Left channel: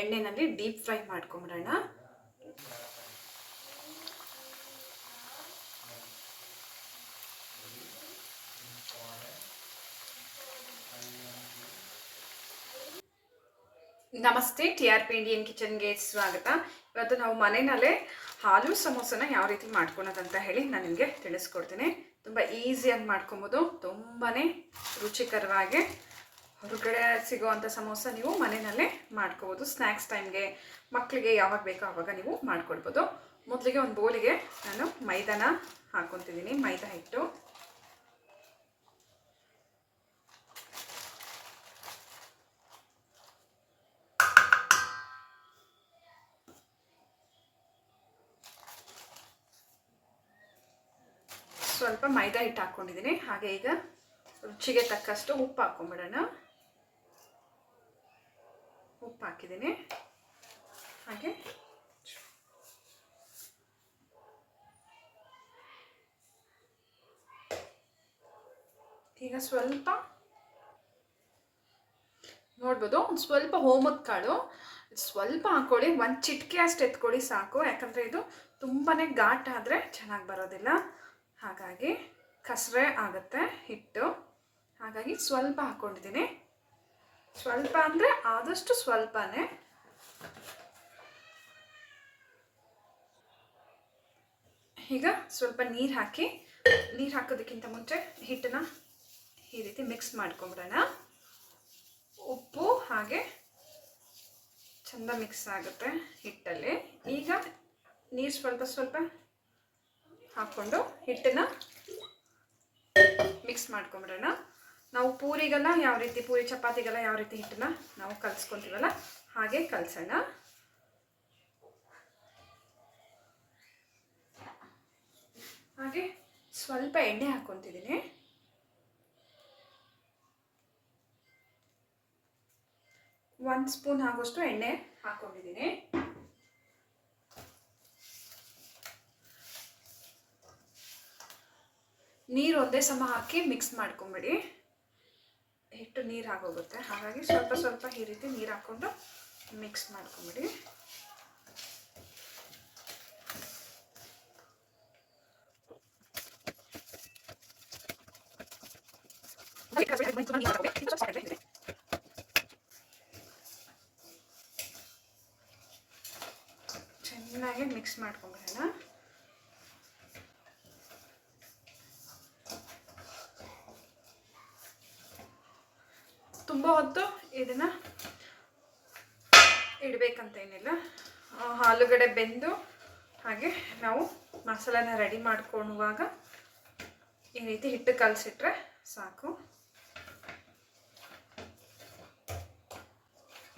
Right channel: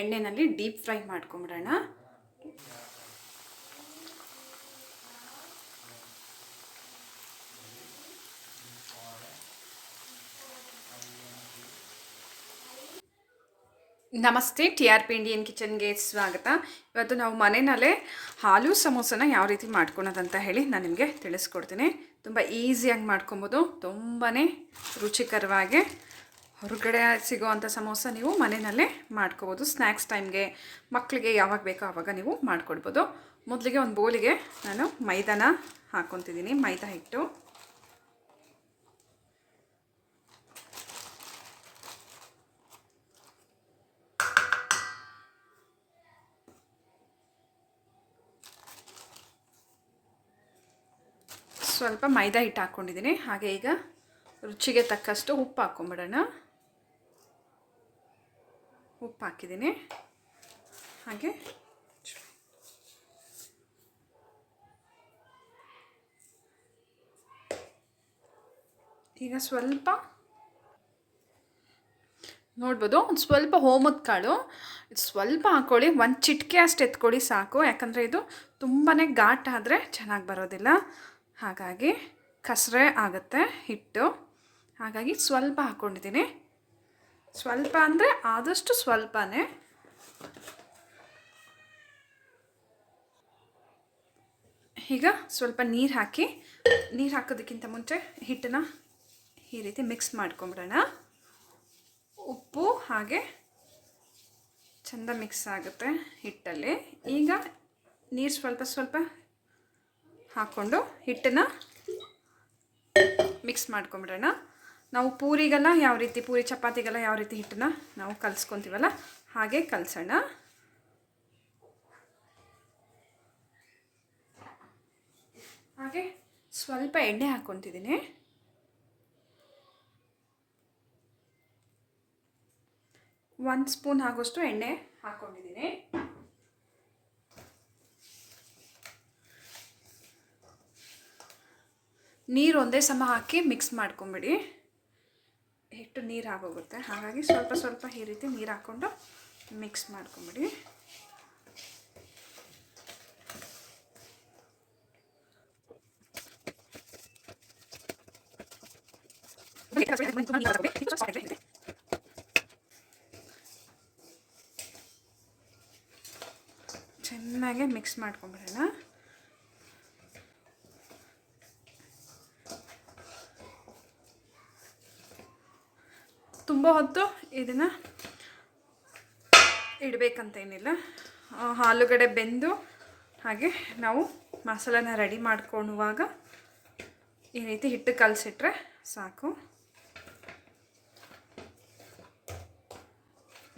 ಎಣ್ಣೆಯಲ್ಲಿ deep fry ಮಾಡ್ಕೊಂಬಿಡೋಣ. ನಮಸ್ತೆ, TRP Indian ಕಿಚನ್ಗೆ ಸ್ವಾಗತ. ಇವತ್ತು ನಾವು ಮನೆಯಲ್ಲೇ ಹಾಲು ಸಮೋಸನ ಯಾವ ರೀತಿ ಮಾಡ್ಕೊಳೋದಂತ ಹೇಳಿ ನಾನು ನಿಮಗೆ ತಿಳಿಸ್ಕೊಡ್ತೀನಿ. ತುಂಬ ಈಸಿಯಾಗಿ ಮಾಡ್ಕೊಬೋದು, ತುಂಬಾ ರುಚಿಕರವಾಗಿ. ಹೊರಗಡೆ ಸಿಗೋವಂಥ ಸಮೋಸ ನೀವು ಮನೆಯಲ್ಲೇ ಮಾಡ್ಕೋಬೋದು. ಸ್ನ್ಯಾಕ್ಸ್ ಟೈಮ್ಗೆ ಮಕ್ಕಳಿಗೆ ಯಾವಾಗ ಬೇಕೋ ಆವಾಗ ನೀವು ಮಾಡ್ಕೊಡ್ಬೋದು. ಮೊದಲಿಗೆ ಒಂದು ಬೌಲಿಗೆ ನಾನು ಮೈದಾನ ಹಾಕ್ಕೊತಿದ್ದೀನಿ. ಮೈದಾ ಹಿಟ್ಟು, ಸ್ವಲ್ಪ ಮೈದಾ ಹಿಟ್ಟು ಹಾಕ್ಕೊಂಡಿದ್ದೀನಿ. ಹಾಗೆ ಈಗ ರುಚಿಗೆ ತಕ್ಕಷ್ಟು ಉಪ್ಪು ಹಾಕ್ಕೊಂಬಿಡೋಣ. ಉಪ್ಪು ಹಾಕಿದ್ದೀನಿ. ಹಾಗೆ ಈಗ ಸ್ವಲ್ಪ ನೋಡ್ಬೋದು, ಒಂದು ಸ್ವಲ್ಪ ಹೋಮದ ಕಾಳು ಸ್ವಲ್ಪ ಹಾಕ್ಕೊಳ್ಳಿ. ಒಂದು ಚಿಟಿಕೆ ಅಷ್ಟು ಎತ್ಕೊಳ್ಳಿ ಸಾಕು, ಯಾಕಂದರೆ ಇದು ತುಂಬಾ ಘಾಟ್ ಆದರೆ ಚೆನ್ನಾಗಿ ಬರೋದಿಲ್ಲ. ಹಾಗಾಗಿ ಕಸರೆ ಆಗುತ್ತೆ ಹಿಟ್ಟು. ಹಾಗಾಗಿ ಸ್ವಲ್ಪ ಹಾಕ್ಕೊಂಡಿದ್ದೀನಿ. ಸ್ವಲ್ಪ ಅಂದರೆ ಆದಷ್ಟು ಸ್ವಲ್ಪನೇ. ಈಗ ಸ್ವಲ್ಪ ನೀರು ಹಾಕಿ, ನೀರು ಹಾಕೋದಕ್ಕಿಂತ ಮುಂಚೆ ಹಿಟ್ಟನ್ನು ಈ ರೀತಿ ಮಿಕ್ಸ್ ಮಾಡ್ಕೊಂಬಿಡೋಣ. ಉಪ್ಪು ಹಾಗೆ ಚೆಂದ ಮಿಕ್ಸ್ ಆಗುತ್ತೆ ಹಿಟ್ಟಲ್ಲಿ. ಈಗ ನೀರು ಸ್ವಲ್ಪ ಸ್ವಲ್ಪ ಹಾಕ್ಕೊಂಡು ಹಿಟ್ಟನ್ನು ಮಿಕ್ಸ್ ಮಾಡ್ಕೊಂಬಿಡೋಣ. ನಾವು ಪೂರಿಗೆಲ್ಲ ಯಾವ ರೀತಿ, ಪೂರಿ ಚಪಾತಿಗೆಲ್ಲ ಯಾವ ರೀತಿ ಹಿಟ್ಟನ್ನು ನಾವು ಕಲಿಸ್ಕೊತೀವಲ್ಲ ಹಾಗೆ ಕಲಸೋಣ. ಹಾಗೆ ಸ್ವಲ್ಪ ಎಣ್ಣೆ ಹಾಕ್ಕೊತಿದ್ದೀನಿ. ಒಂದು ಸ್ಪೂನ್ ಆಗೋಷ್ಟು ಎಣ್ಣೆ ಹಾಕ್ಕೊಂಡಿದ್ದೀನಿ. ನೀರು ಒಂದೇ ಸಮ ಹಾಕಿ ಮಿಕ್ಸ್ ಮಾಡ್ಕೊಂಬಿಡಿ. ಹಿಟ್ಟು ನೀರು ಆಗೋಗುತ್ತೆ. ಹಾಗಾಗಿ ಸ್ವಲ್ಪ ಸ್ವಲ್ಪ ಈ ರೀತಿ ನೀರು ಹಾಕ್ಕೊಂಡು ಮಿಕ್ಸ್ ಮಾಡ್ಕೊಂಬಿಡಿ. ಚೆನ್ನಾಗಿ ಮಿಕ್ಸ್ ಮಾಡ್ಕೊಂಬಿಡೋಣ. ತುಂಬ ಹೊತ್ತು ಇದನ್ನು ಇಡಬೇಕಂತ ಏನಿಲ್ಲ. ಆಲೂಗಡ್ಡೆ ಬೆಂದು ಹಾಗೆ ನಾವು ಮಸಾಲೆನ ರೆಡಿ ಮಾಡ್ಕೊಳ್ಳುವಾಗ ಈ ರೀತಿ ಹಿಟ್ಟು ಕಲಸಿಟ್ರೆ ಸಾಕು.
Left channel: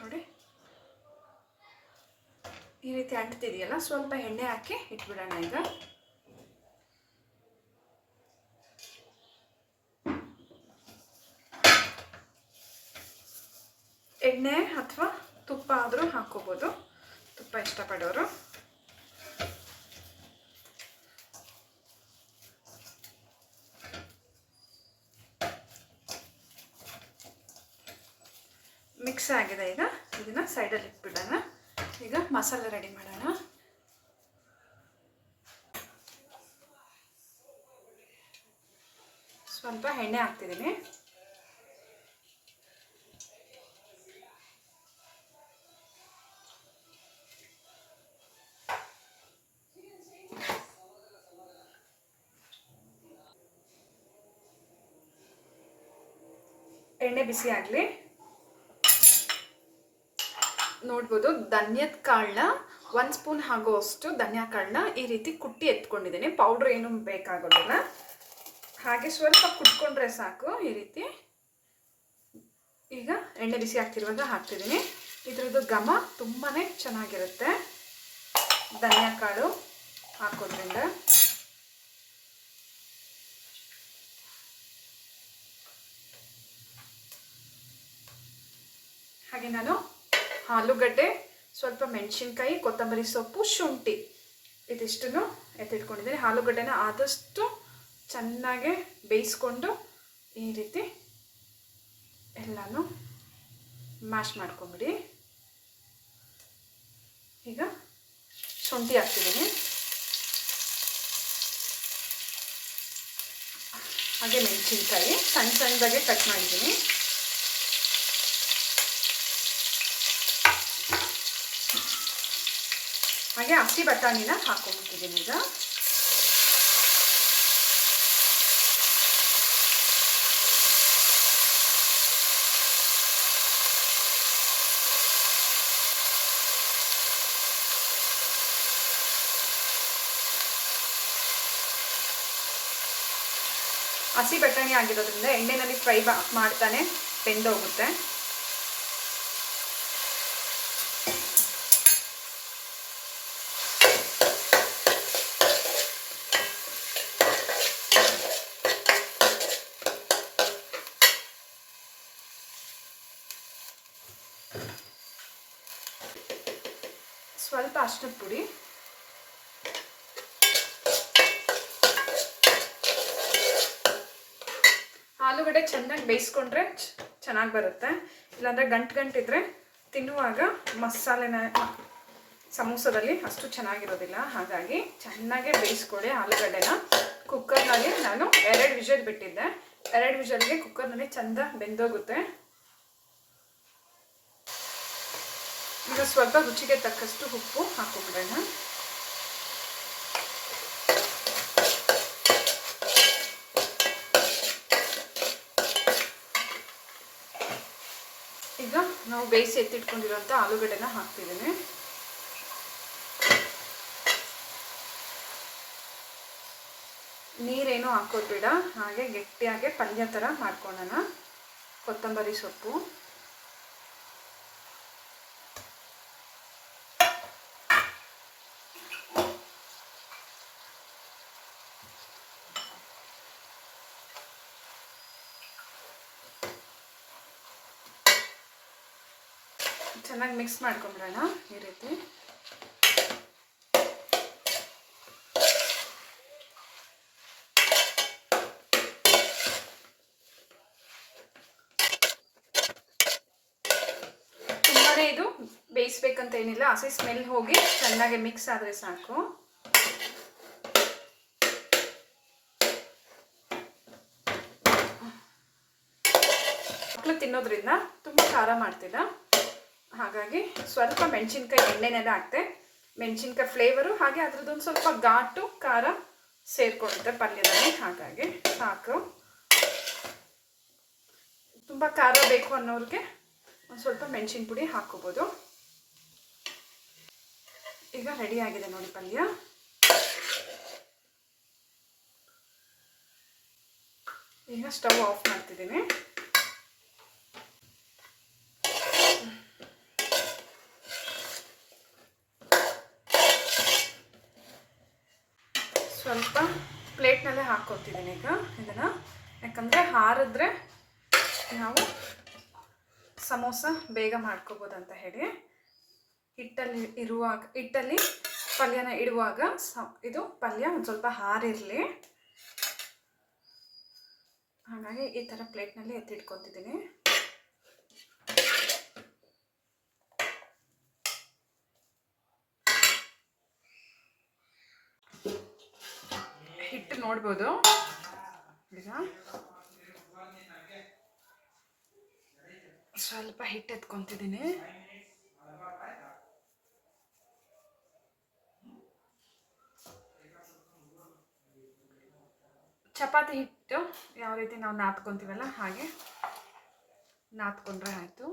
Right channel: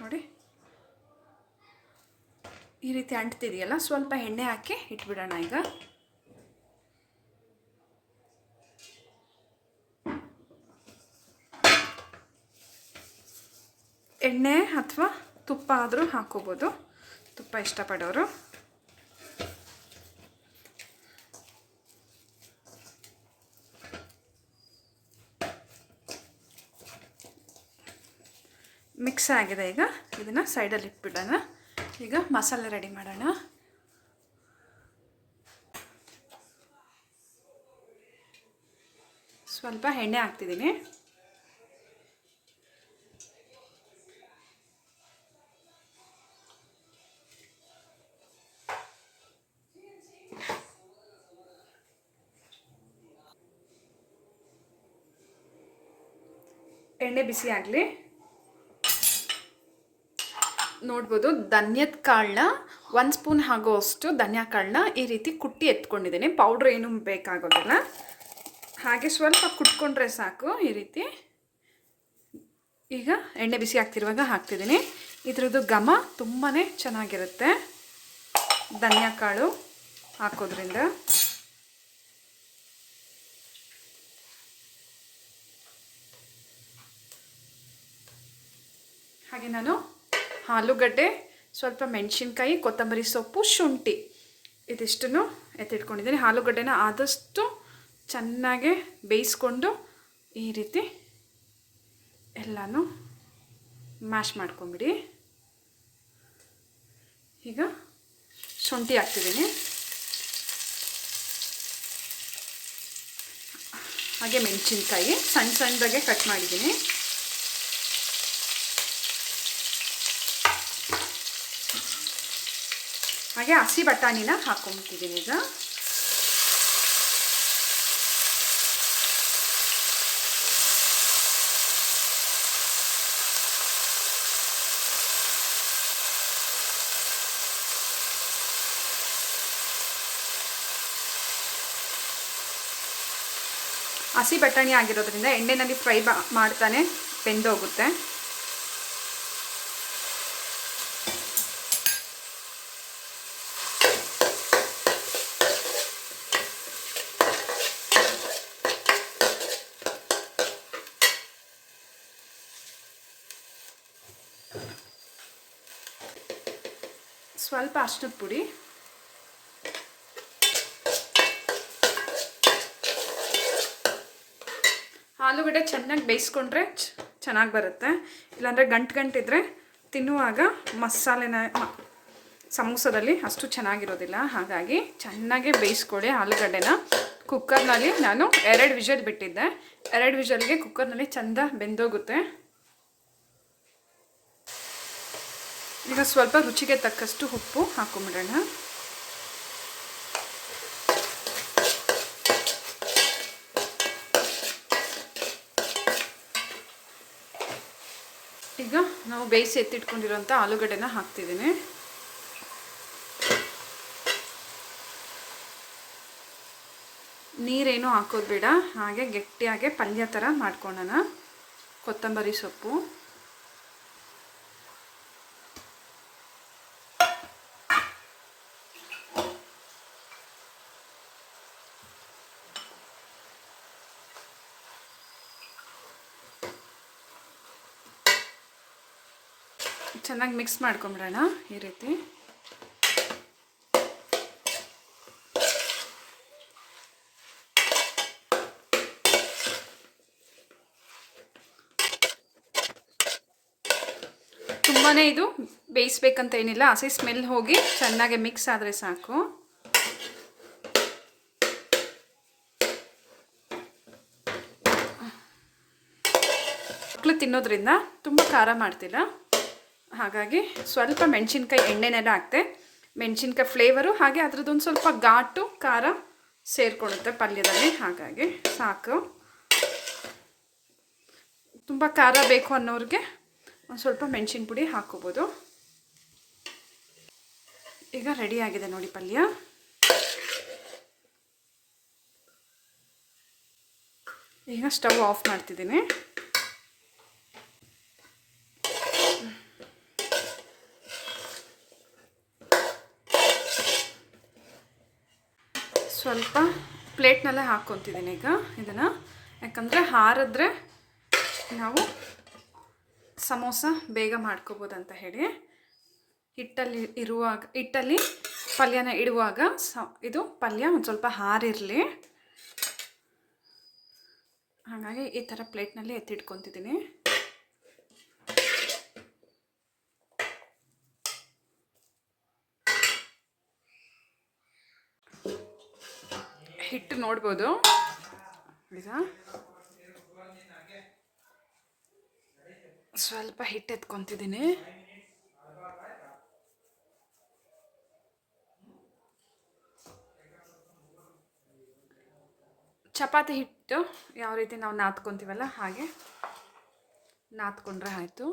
ನೋಡಿ, ಈ ರೀತಿ ಅಂಟ್ತಿದೆಯಲ್ಲ, ಸ್ವಲ್ಪ ಎಣ್ಣೆ ಹಾಕಿ ಇಟ್ಬಿಡೋಣ. ಈಗ ಎಣ್ಣೆ ಅಥವಾ ತುಪ್ಪ ಆದರೂ ಹಾಕ್ಕೋಬೋದು, ತುಪ್ಪ ಇಷ್ಟಪಡೋರು. ಮಿಕ್ಸ್ ಆಗಿದೆ. ಈಗ ಇದನ್ನು ಸೈಡಲ್ಲಿ ಇಟ್ಬಿಡೋಣ. ಈಗ ಮಸಾಲೆ ರೆಡಿ ಮಾಡೋಣ. ಸ್ವಲ್ಪ ಎಣ್ಣೆ ಹಾಕ್ತಿದ್ದೀನಿ. ಎಣ್ಣೆ ಬಿಸಿ ಆಗಲಿ. ನೋಡ್ಬೋದು, ಧನ್ಯದ ಕಾಳನ್ನ 1 ಸ್ಪೂನ್ ಆಗೋಷ್ಟು ಧನಿಯಾ ಕಾಳನ್ನ ಈ ರೀತಿ ಕುಟ್ಟಿ ಎತ್ಕೊಂಡಿದ್ದೀನಿ. ಪೌಡ್ರ್ ಏನೂ ಬೇಕಾಗೋದಿಲ್ಲ. ಹಾಗೆ ಸ್ವಲ್ಪ ಕುಟ್ಕೊಂಡ್ರೆ ಸಾಕು ಈ ರೀತಿ. ಈಗ ಎಣ್ಣೆ ಬಿಸಿ ಆಗ್ತಿರುವಾಗ ಹಾಕ್ತಿದ್ದೀನಿ. ಇದ್ರದ್ದು ಘಮ ತುಂಬಾ ಚೆನ್ನಾಗಿರುತ್ತೆ ಧನಿಯಾ ಕಾಳು ಹಾಕೋದ್ರಿಂದ. ಹಾಗೆ ನಾನು ಆಲೂಗಡ್ಡೆ, ಸ್ವಲ್ಪ ಮೆಣಸಿನ್ಕಾಯಿ, ಕೊತ್ತಂಬರಿ ಸೊಪ್ಪು, ಶುಂಠಿ ಇದಿಷ್ಟನ್ನು ಎತ್ತಿಟ್ಕೊಂಡಿದ್ದೀನಿ. ಆಲೂಗಡ್ಡೆನ ಆದಷ್ಟು ಚೆನ್ನಾಗಿ ಬೇಯಿಸ್ಕೊಂಡು ಈ ರೀತಿ ಎಲ್ಲನೂ ಮ್ಯಾಶ್ ಮಾಡ್ಕೊಂಬಿಡಿ. ಶುಂಠಿ ಹಾಕ್ತಿದ್ದೀನಿ, ಹಾಗೆ ಮೆಣಸಿನ್ಕಾಯಿ ಸಣ್ಣ ಸಣ್ಣದಾಗೆ ಕಟ್ ಮಾಡಿದ್ದೀನಿ. ಹಾಗೆ ಹಸಿ ಬಟಾಣಿನ ಹಾಕೊಂಡ್ಬಿಟ್ಟಿದ್ದೀನಿ ಈಗ. ಹಸಿ ಬಟಾಣಿ ಆಗಿರೋದ್ರಿಂದ ಎಣ್ಣೆನಲ್ಲಿ ಫ್ರೈ ಮಾಡ್ತಾನೆ ಬೆಂದೋಗುತ್ತೆ. ಸ್ವಲ್ಪ ಅರಿಶಿನದ ಪುಡಿ, ಆಲೂಗಡ್ಡೆ ಚೆನ್ನಾಗಿ ಬೇಯಿಸ್ಕೊಂಡ್ರೆ ಚೆನ್ನಾಗಿ ಬರುತ್ತೆ. ಇಲ್ಲಾಂದರೆ ಗಂಟಿದ್ರೆ ತಿನ್ನುವಾಗ ಮಸಾಲೆನ ಸಮೋಸದಲ್ಲಿ ಅಷ್ಟು ಚೆನ್ನಾಗಿರೋದಿಲ್ಲ. ಹಾಗಾಗಿ ಚೆನ್ನಾಗೇ ಬೇಯಿಸ್ಕೊಳ್ಳಿ ಆಲೂಗಡ್ಡೆನ. ಕುಕ್ಕರ್ನಲ್ಲಿ ನಾನು 2 ವಿಷಲ್ ಬಿಟ್ಟಿದ್ದೆ. 2 ವಿಷಲ್ಗೆ ಕುಕ್ಕರ್ನಲ್ಲಿ ಚೆಂದ ಬೆಂದೋಗುತ್ತೆ. ಈಗ ಸ್ವಲ್ಪ ರುಚಿಗೆ ತಕ್ಕಷ್ಟು ಉಪ್ಪು ಹಾಕೊಂಬಿಡೋಣ. ಈಗ ನಾವು ಬೇಯಿಸಿ ಎತ್ತಿಟ್ಕೊಂಡಿರೋಂಥ ಆಲೂಗಡ್ಡೆನ ಹಾಕ್ತಿದ್ದೀನಿ. ನೀರೇನು ಹಾಕೋದು ಬೇಡ, ಹಾಗೆ ಗಟ್ಟಿಯಾಗೆ ಪಲ್ಯ ಥರ ಮಾಡ್ಕೊಳ್ಳೋಣ. ಕೊತ್ತಂಬರಿ ಸೊಪ್ಪು, ಚೆನ್ನಾಗಿ ಮಿಕ್ಸ್ ಮಾಡ್ಕೊಂಬಿಡೋಣ ಈ ರೀತಿ. ತುಂಬಾ ಇದು ಬೇಯಿಸ್ಬೇಕಂತ ಏನಿಲ್ಲ, ಹಸಿ ಸ್ಮೆಲ್ ಹೋಗಿ ಚೆನ್ನಾಗಿ ಮಿಕ್ಸ್ ಆದರೆ ಸಾಕು. ಮಕ್ಕಳು ತಿನ್ನೋದ್ರಿಂದ ತುಂಬ ಖಾರ ಮಾಡ್ತಿಲ್ಲ, ಹಾಗಾಗಿ ಸ್ವಲ್ಪ ಮೆಣಸಿನ್ಕಾಯಿ ಎಣ್ಣೆನೆಲ್ಲ ಹಾಕ್ತೆ. ಮೆಣಸಿನ್ಕಾಯಿ ಫ್ಲೇವರು ಹಾಗೆ ಅದ್ರದ್ದೊಂದು ಸ್ವಲ್ಪ ಘಾಟು ಖಾರ ಸೇರಿಕೊಳ್ಳುತ್ತೆ ಪಲ್ಯದಲ್ಲಿ, ಹಾಗಾಗಿ ಸಾಕು. ತುಂಬ ಖಾರ ಬೇಕು ಅನ್ನೋರಿಗೆ ಒಂದು ಸ್ವಲ್ಪ ಮೆಣಸಿನ ಪುಡಿ ಹಾಕ್ಕೋಬೋದು. ಈಗ ರೆಡಿ ಆಗಿದೆ ನೋಡಿ ಪಲ್ಯ. ಈಗ ಸ್ಟವ್ ಆಫ್ ಮಾಡ್ತಿದ್ದೀನಿ. ಸ್ವಲ್ಪ ಪ್ಲೇಟ್ನಲ್ಲೇ ಹಾಕ್ಕೊತಿದ್ದೀನಿ ಈಗ ಇದನ್ನು, ಯಾಕಂದರೆ ಹಾರಿದ್ರೆ ನಾವು ಸಮೋಸ ಬೇಗ ಮಾಡ್ಕೋಬೋದು ಅಂತ ಹೇಳಿ. ಹಿಟ್ಟಲ್ಲಿ ಪಲ್ಯನ ಇಡುವಾಗ ಇದು ಪಲ್ಯ ಒಂದು ಸ್ವಲ್ಪ ಹಾರಿರಲಿ, ಹಾಗಾಗಿ ಈ ಥರ ಪ್ಲೇಟ್ನಲ್ಲಿ ಎತ್ತಿಟ್ಕೊತಿದ್ದೀನಿ. ಹಿಟ್ಟು ನೋಡ್ಬೋದು ಈಗ, ಸ್ವಲ್ಪ ಹಿಟ್ಟು ಎತ್ಕೊತಿದ್ದೀನಿ. ಚಪಾತಿ ಹಿಟ್ಟು ಯಾವ ರೀತಿ ನಾವು ನಾದ್ಕೊತೀವಲ್ಲ ಹಾಗೆ ನಾದ್ಕೊಂಡ್ರೆ ಆಯಿತು.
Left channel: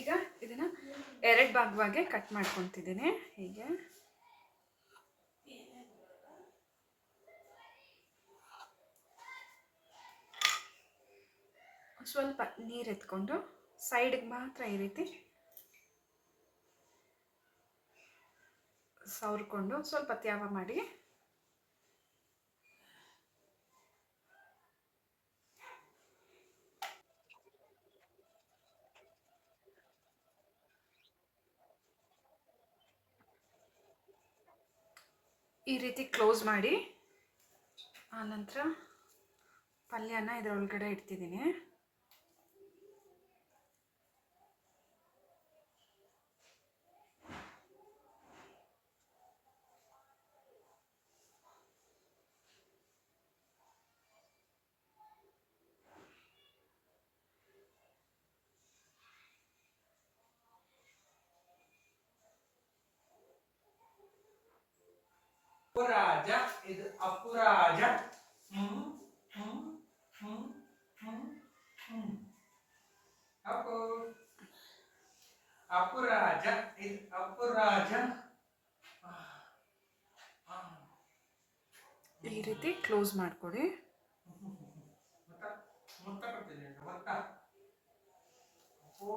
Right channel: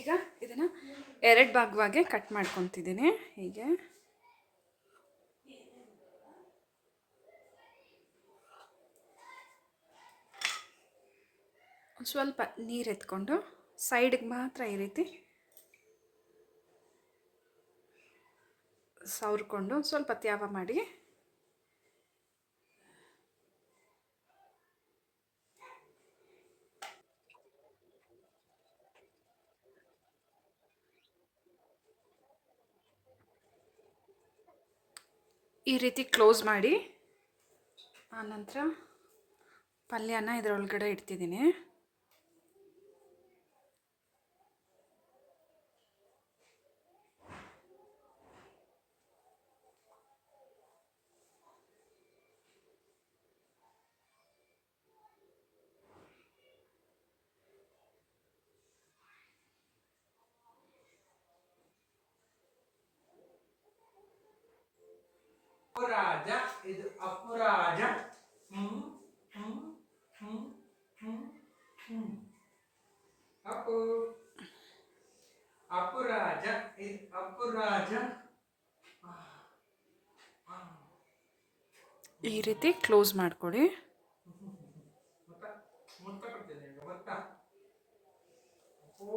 ಈಗ ಇದನ್ನು 2 ಭಾಗವಾಗಿ ಕಟ್ ಮಾಡ್ಕೊತಿದ್ದೀನಿ. ಹೀಗೆ ಸ್ವಲ್ಪ ನೀರು ಎತ್ಕೊಂಡು ಸೈಡ್ಗೆ ಮಾತ್ರ ಈ ರೀತಿ ಸವರ್ಕೊಂಡು ಸ್ವಲ್ಪ ತ್ಯಾವ ಮಾಡಿ ಈ ರೀತಿ ಕ್ಲೋಸ್ ಮಾಡಿ ಆನಂತರ ಪಲ್ಯನ ಇದರೊಳಗಡೆ ಇಡ್ತಿದ್ದೀನಿ. ಅಪರಾಜ ಇದು ಅಪರಾಜ. ಅಪ್ಪು ಅಪರಾಜ ಇದು ಅಪರಾಜ. ಈ ರೀತಿ ಕ್ಲೋಸ್ ಮಾಡ್ಕೊಳ್ಳಿ. ಮುತ್ತ ಕೊಡ್ತೀನಿ ಮುತ್ತ. ಅಪ್ಪು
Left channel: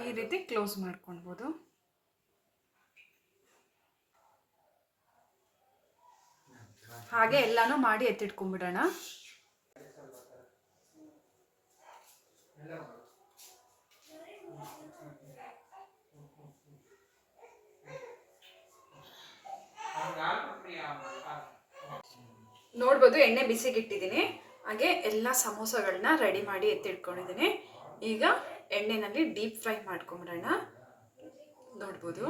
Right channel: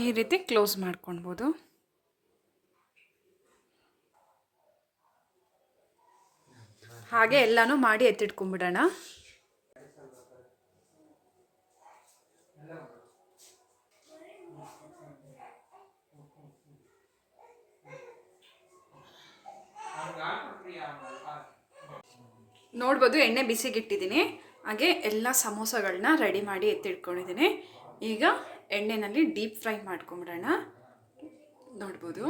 ಈ ರೀತಿ ಕ್ಲೋಸ್ ಮಾಡ್ಕೊಳ್ಬೋದು. ಹಾಗೆ ಎಲ್ಲಾನು ಮಾಡಿ ಎತ್ತಿಟ್ಕೊಂಡ್ಬಿಡೋಣ. ನೋಡ್ಬೋದು ಎಣ್ಣೆ ಬಿಸಿಗಿಟ್ಟಿದ್ದೀನಿ. ಹಾಗೆ ಎಲ್ಲ ಸಮೋಸಗಳನ್ನ ರೆಡಿ ಮಾಡಿ ಎತ್ತಿಟ್ಕೊಂಡಿದ್ದೀನಿ. ಈಗ ಎಣ್ಣೆನಲ್ಲಿ ಡೀಪ್ ಫ್ರೈ ಮಾಡ್ಕೊಂಬಿಡೋಣ. ನೋಡ್ಬೋದು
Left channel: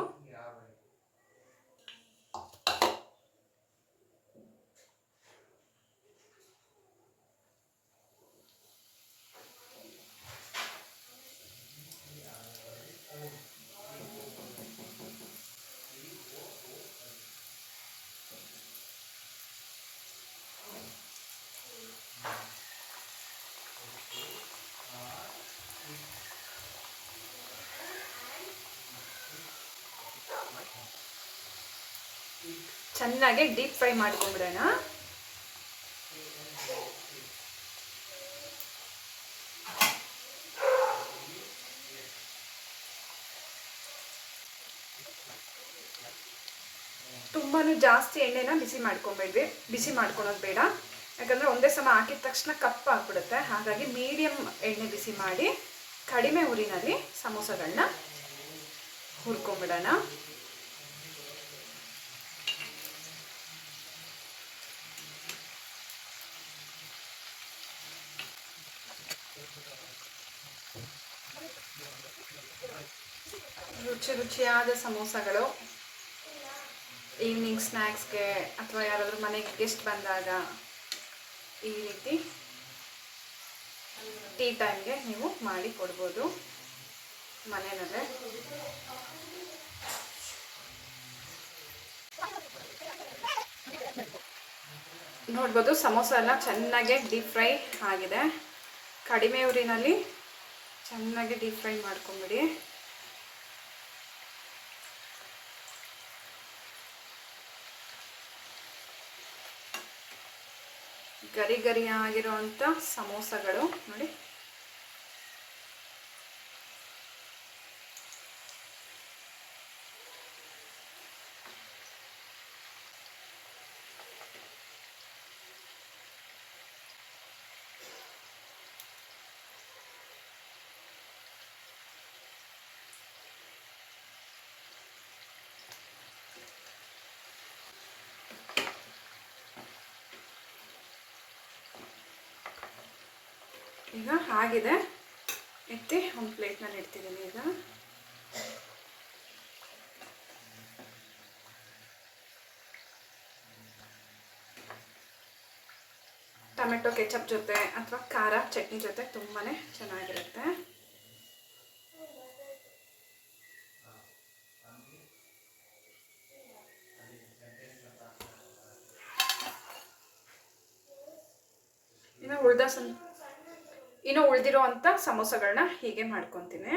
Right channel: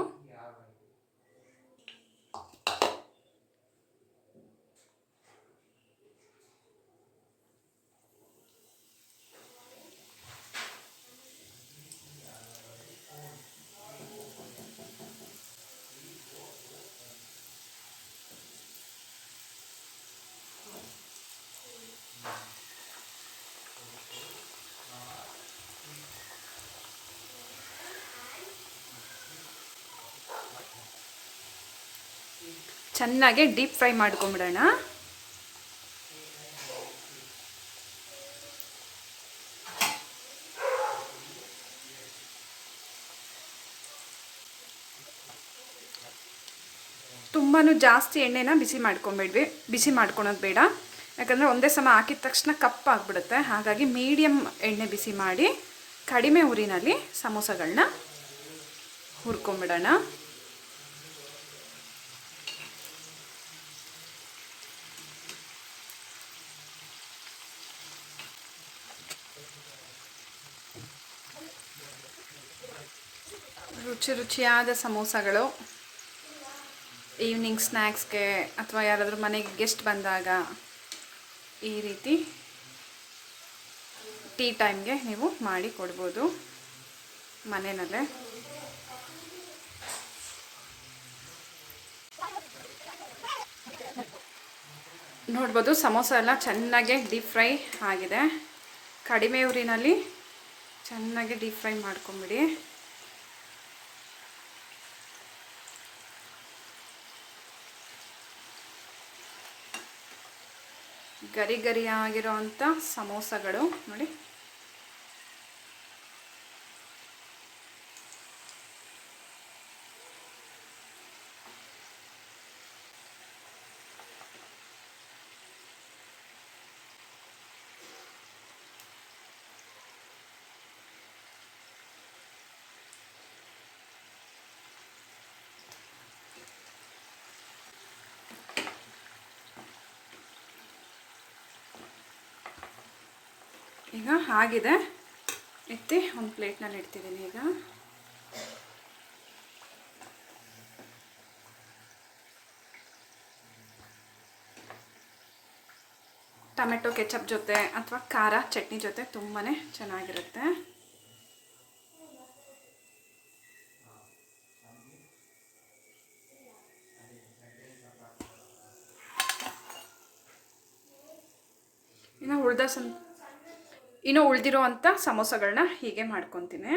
ಚೆನ್ನಾಗಿ ಡೀಪ್ ಫ್ರೈ ಮಾಡ್ಕೊಂಬಿಡೋಣ. ತುಂಬಾ ಜಾಸ್ತಿ ಎಣ್ಣೆನ ಬಿಸಿ ಮಾಡ್ಕೊಳೋದು ಬೇಡ. ಯಾಕಂದರೆ ಒಂದೇ ಸಮ ಹಾಕಿದ ತಕ್ಷಣ ಕಪ್ಪಾಗ್ಬಿಡುತ್ತೆ. ಹಾಗಾಗಿ ಮೀಡಿಯಮ್ ಎಣ್ಣೆ ಬಿಸಿ ಮಾಡಿ ಕಡಿಮೆ ಉರಿನಲ್ಲಿ ಸಮೋಸಗಳನ್ನ ಹುರ್ಕೊಂಬಿಡೋಣ. ರುಚಿಯಾದ ಸಮೋಸಗಳು ಈವ್ನಿಂಗ್ ಸ್ನ್ಯಾಕ್ಸ್ಗೆ ಅಥವಾ ಯಾರಾದರೂ ಮನೆಗೆ ಗೆಸ್ಟ್ ಬಂದಾಗ ಈ ರೀತಿ ಟೀ ಟೈಮ್ಗೆ ನೀವು ಮಾಡಿ ಕೊಡ್ಬೋದು ಮನೆಯಲ್ಲೇ. ನೋಡ್ಬೋದು ಸಮೋಸ ಎಲ್ಲ ಚೆನ್ನಾಗಿ ಡೀಪ್ ಫ್ರೈ ಆಗಿದೆ. ಕಡಿಮೆ ಉರಿನಲ್ಲಿ ಚೆನ್ನಾಗಿ ಡೀಪ್ ಫ್ರೈ ಮಾಡ್ಕೊಂಬಿಡಿ. ಗರಿ ಗರಿಯಾಗಿರೋವಂಥ ಸಮೋಸಗಳು ನೋಡಿ. ಈಗ ಆಗಿದೆ, ಎತ್ತಿ ಒಂದು ಪ್ಲೇಟ್ನಲ್ಲಿ ಇಡ್ತಿದ್ದೀನಿ. ಈಗ ಟೊಮೆಟೊ ಕೆಚಪ್ ಜೊತೆ ಅಥವಾ ಖಾರ ಚಟ್ನಿ ಜೊತೆ ತುಂಬಾ ಚೆನ್ನಾಗಿರುತ್ತೆ. ಇನ್ನು ಉಳಿದಿರುವಂಥ ಸಮೋಸಗಳನ್ನ ಹೀಗೆ ಮಾಡ್ಕೊತೀನಿ.